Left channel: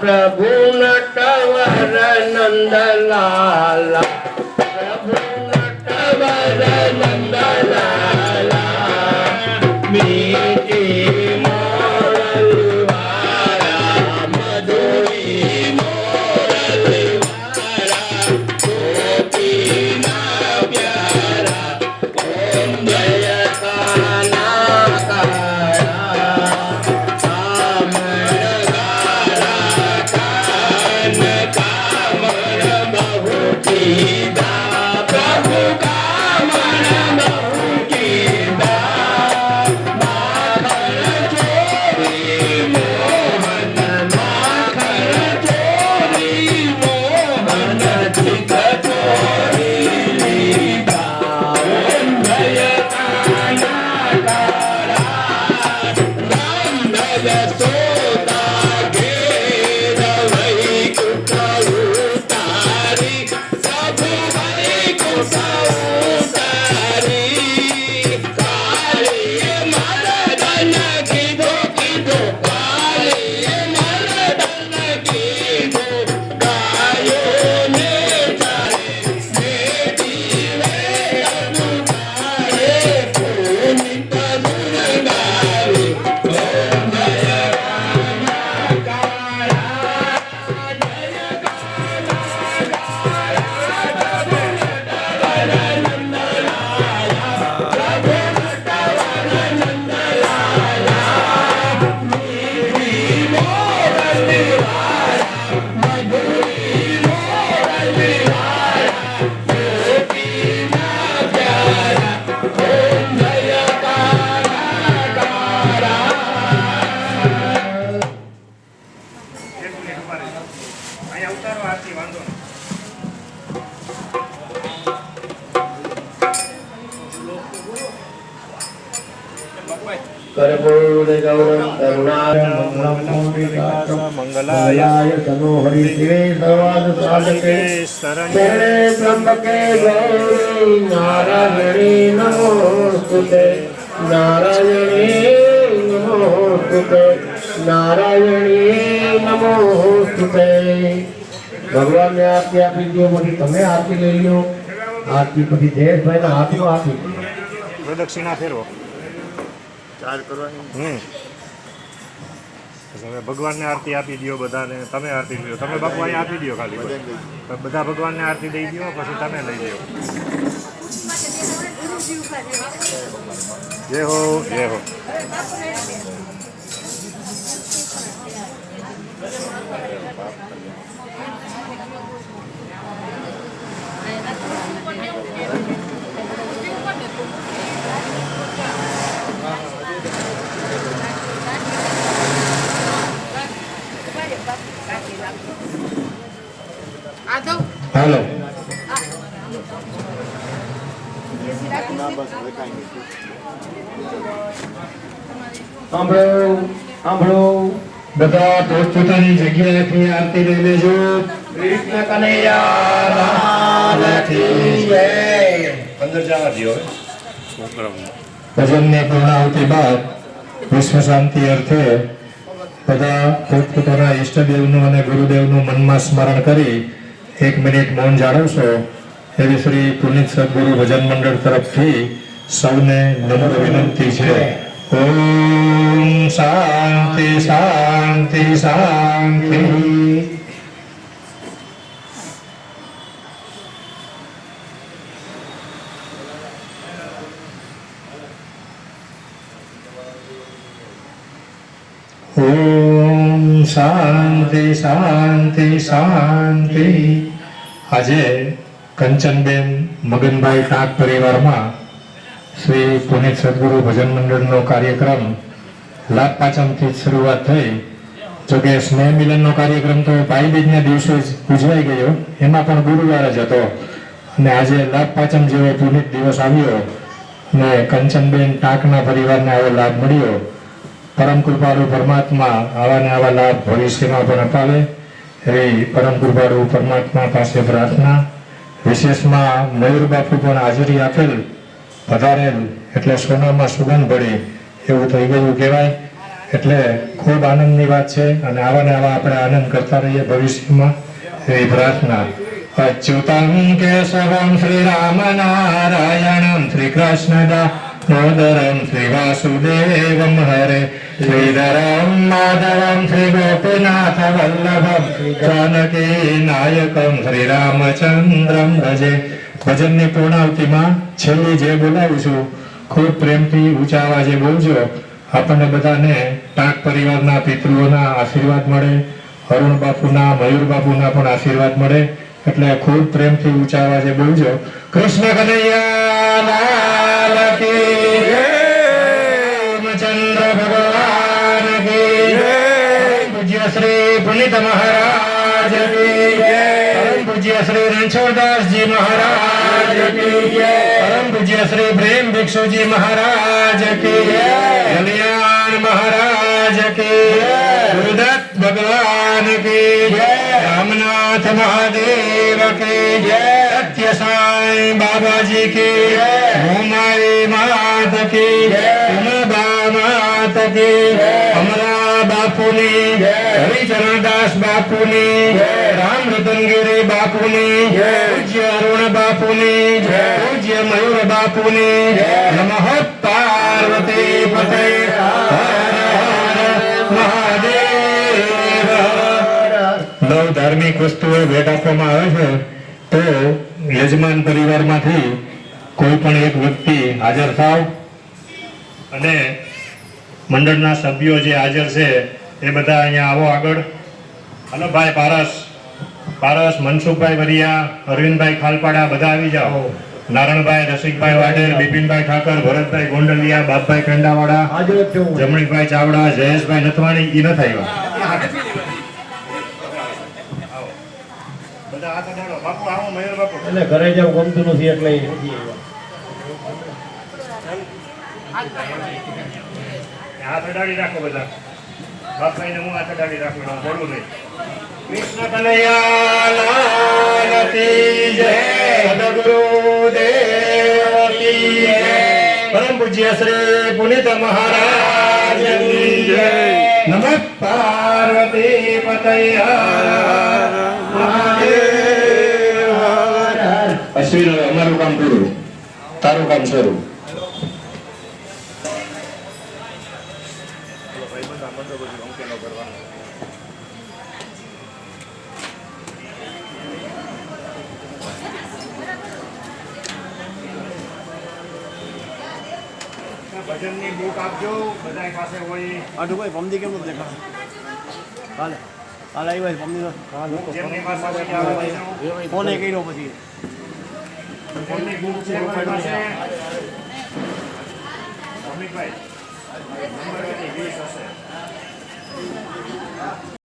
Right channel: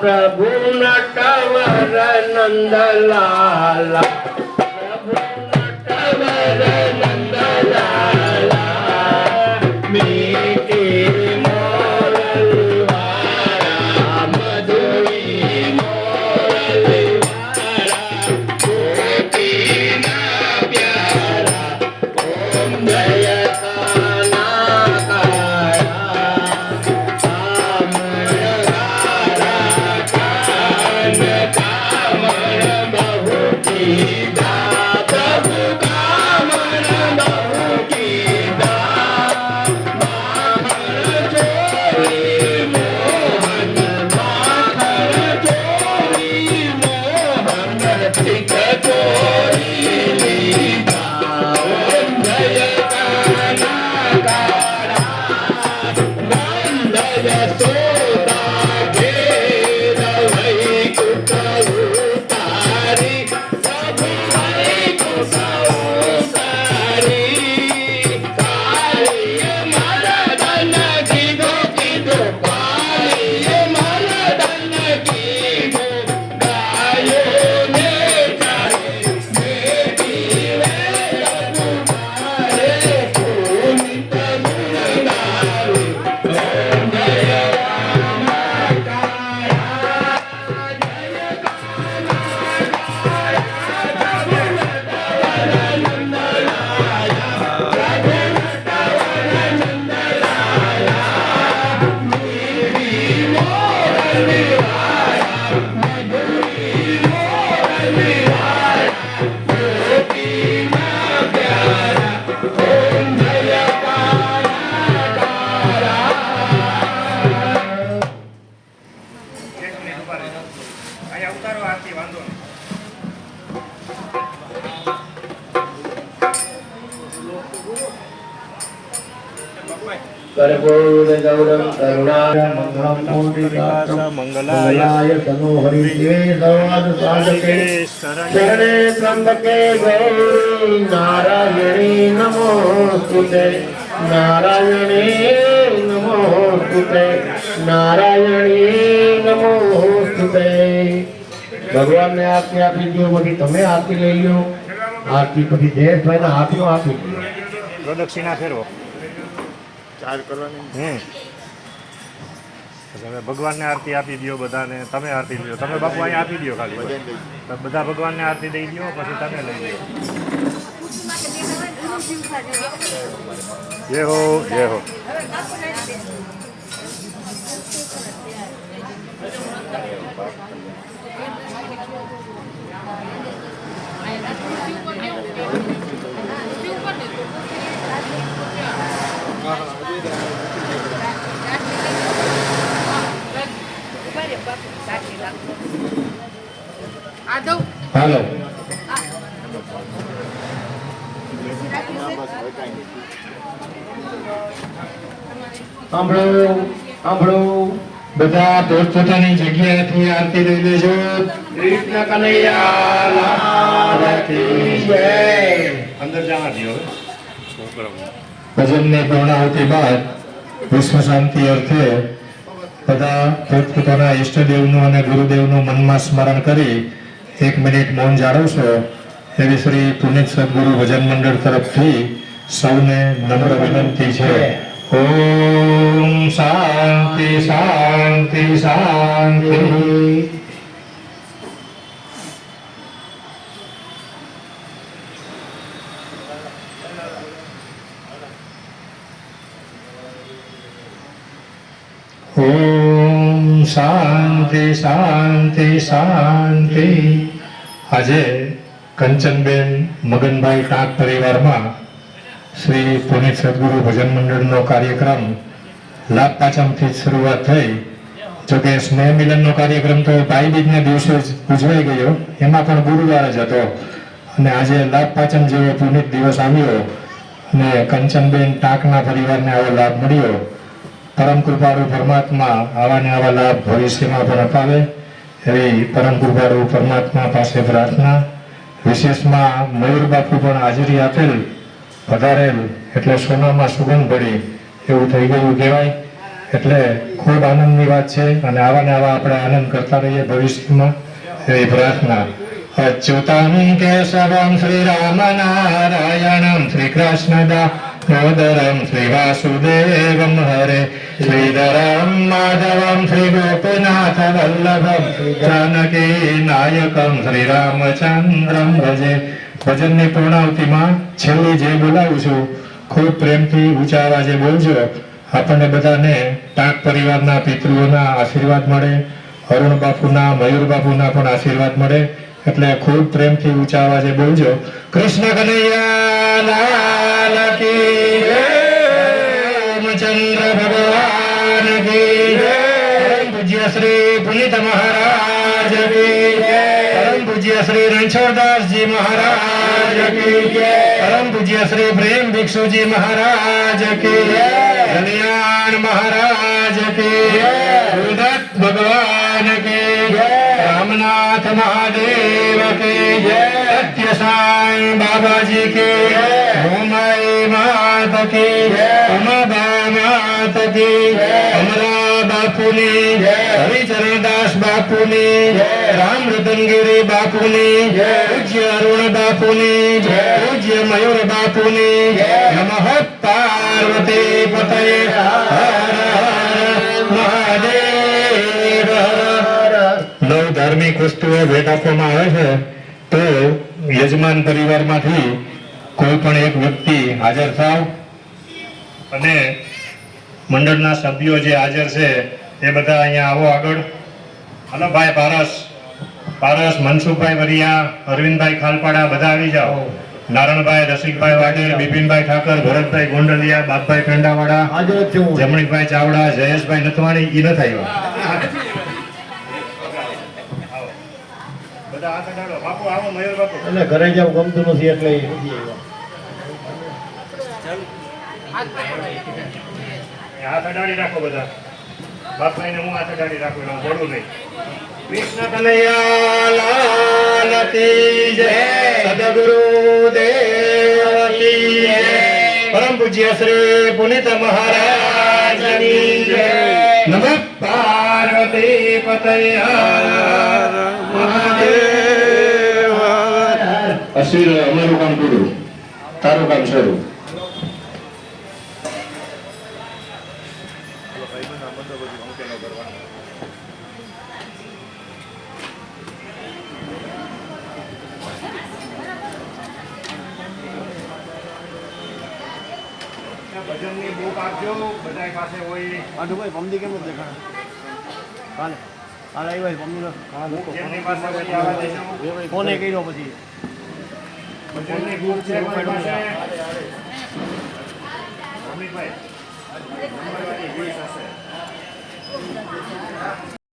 प्रभु नटवर नंदलाला प्रभु नटवर नंदलाला मीठी मोरलवारा मधुरी मोरलवारा गोपीना प्यारा ओम जय मंगलाय तनोहरि शिवे सर्वाद साधके शरणे त्र्यंबके गौरी नारायणी नमोस्तुते नारायणी नमोस्तुते नारायणी नमोस्तुते। भगवान ने आपकी आपी दियो પછી તમે આરતી લઈ લો આરતી પછી જયેશભાઈ ના હાથમાં આપી પ્રદક્ષિણા ફેરવો ચાર્જ કરવાની તમે ભગવાનને આરતી આપી દો બધાને તમે આરતી લ્યો તમે બાપુ અહીંયા આપી દો ખાલી બધા ભગવાનને આરતી દઈ દો પછી તમે લઈ લો જય હો જય હો હાલો સાંભળો બધા પોતપોતાની જગ્યાએથી આરતી લઈ લેજો કૃષ્ણ કનૈયા લાલ કી જય। અંદર જવા દો ભજનની પૂર્ણાહુતિ બાદ વિશ્વ શાંતિ અર્થે બધા પોતપોતાના ઈષ્ટદેવનું અને ગુરુદેવનું મનમાં સ્મરણ કરી 1 મિનિટ મૌન જાળવશો એવી શ્રી પુનિત સદગુરુ ભજન મંડળ તરફથી સૌને નમ્ર વિનંતી છે। ઓમ શાંતિ શાંતિ શાંતિ। ઓમ શાંતિ શાંતિ શાંતિ। આજે કંચનબેન મગનભાઈ ટાંક પરિવારમાં શ્રી પુનિત સદગુરુ ભજન મંડળનો કાર્યક્રમ લાભ પાંચમથી શરૂઆત થઈ। જોકે સ્નેહ મિલનનો કાર્યક્રમ તો ભાઈ બીજના દિવસે જ ઉજવાઈ ગયો, એમાં પણ ગુરુવાર જ હતો અને આજે લાભ પાંચમ જેવો પુનિત દિવસ આવ્યો અને કંચનબેન ટાંકના પરિવારને આવો લાભ મળ્યો। પરમ કૃપાળુ પરમાત્મા આવા ને આવા લાભ ભવિષ્યમાં પણ અપાવે એવી પરમ કૃપાળુ પરમાત્મા પાસે પ્રાર્થના। વિશેષમાં મયુર બાપુ પણ હાજરી આપેલ પધારેલ એટલે સોનામાં સુગંધ પડી એવું થઈ ગયું કહેવાય। એટલે ખૂબ આનંદની વાત છે અને આવા ને આવા આપણે આનંદ કરતા રહીએ ભવિષ્યમાં એવી પ્રાર્થના. અચ્યુતમ કેશવમ શ્રી રામ નારાયણમ શ્રી કૃષ્ણ દામોદરમ શ્રી વાસુદેવમ હરે શ્રીધરમ માધવમ શ્રી ગોપીનાથ વલ્લભમ જાનકી નાયકમ શ્રી રામચંદ્રમ ભજે. ભજનની પૂર્ણાવતીમાં છેલ્લી જે બોલાવું છું ખૂબ પ્રેમથી ઊંચા અવાજે બોલજો. આપણને બધાને ટાંક પરિવારના પિતૃઓના આશીર્વાદ મળે, અરુણ બાપુના, મયુર બાપુના પણ આશીર્વાદ મળે. એટલે ખૂબ પ્રેમથી ઊંચા અવાજે બોલજો. કૃષ્ણ કનૈયા લાલ કી જય, રામચંદ્ર ભગવાન કી જય, પરમ પૂજ્ય શ્રી પુનિત મહારાજ કી જય, પરમ પૂજ્ય શ્રી રણછોડદાસજી મહારાજ કી જય, પરમ પૂજ્ય શ્રી પ્રેમ ભિક્ષુજી મહારાજ કી જય, કલ્યાણ મહારાજ કી જય, ગુરુદત્ત ભગવાન કી જય, રામનાથ મહાદેવ કી જય, સત્ય સાંઈ બાબાજી કી જય, ઉમાઈ માત કી જય, ઉમાબા માત કી જય, અમલા બાપુની જય, હરિચરણદાસ બાપુની જય, રામ રતનગીરી બાપુની જય, પૂજ્ય અરુણ બાપુની જય, પૂજ્ય મયુર બાપુની જય. નમઃ પાર્વતી પતે હર હર મહાદેવ. નવ ધાર્મિક વસ્તુઓ ભેટ આપવામાં આવે છે તો યજમાન પરિવારમાંથી કોઈ પણ એક વ્યક્તિ હાજર થાવ અને મંડળના સભ્યો જે હાજર છે એ બધા અહીંયા આવો આગળ. હલો ભાઈ પારસ, મનસુખભાઈ વરિયા, અરવિંદભાઈ ખાલપાડા બધા આવી જાઓ. નારણભાઈ, રસિકભાઈ વાડેર, બિપિનભાઈ ઠાકર, ભરતભાઈ ગોંડલિયા, બાપભાઈ પેંડાવાડા, જમણીકભાઈ ચાવડા, જયેશભાઈ નથવાણી ઈ ન થાય બધા હાથ અડાડો. બાપુ આવો, મયુર બાપુ. એટલે ઘરે જવું ગમતું નથી એટલે હાથ અડાડી રાખો બધા. બાપભાઈને હું હાથ અડાડી રાખું, બોલું ભાઈ. કૃષ્ણ કનૈયા લાલ કી જય, સદગુરુદેવ કી જય, પરમ પૂજ્ય શ્રી પુનિત મહારાજ કી જય. નમઃ પાર્વતી પતય હર મહાદેવ. અશ્વિન, અમારું કામ પૂરું, તારું કામ શરૂ. ભજનની બુક આપજો, બધા પાસે હોય. આ તો કોઈ પમદી કેમ નથી દેખાણ કાલે આવ્યો પમદી જેમની પાસે હોય તે આવવા દેજો. ફોને કર્યો પછી ભજનની બુક છે કોઈ પાસે? અમિતભાઈ, નંબર કેટલી? 20 હશે.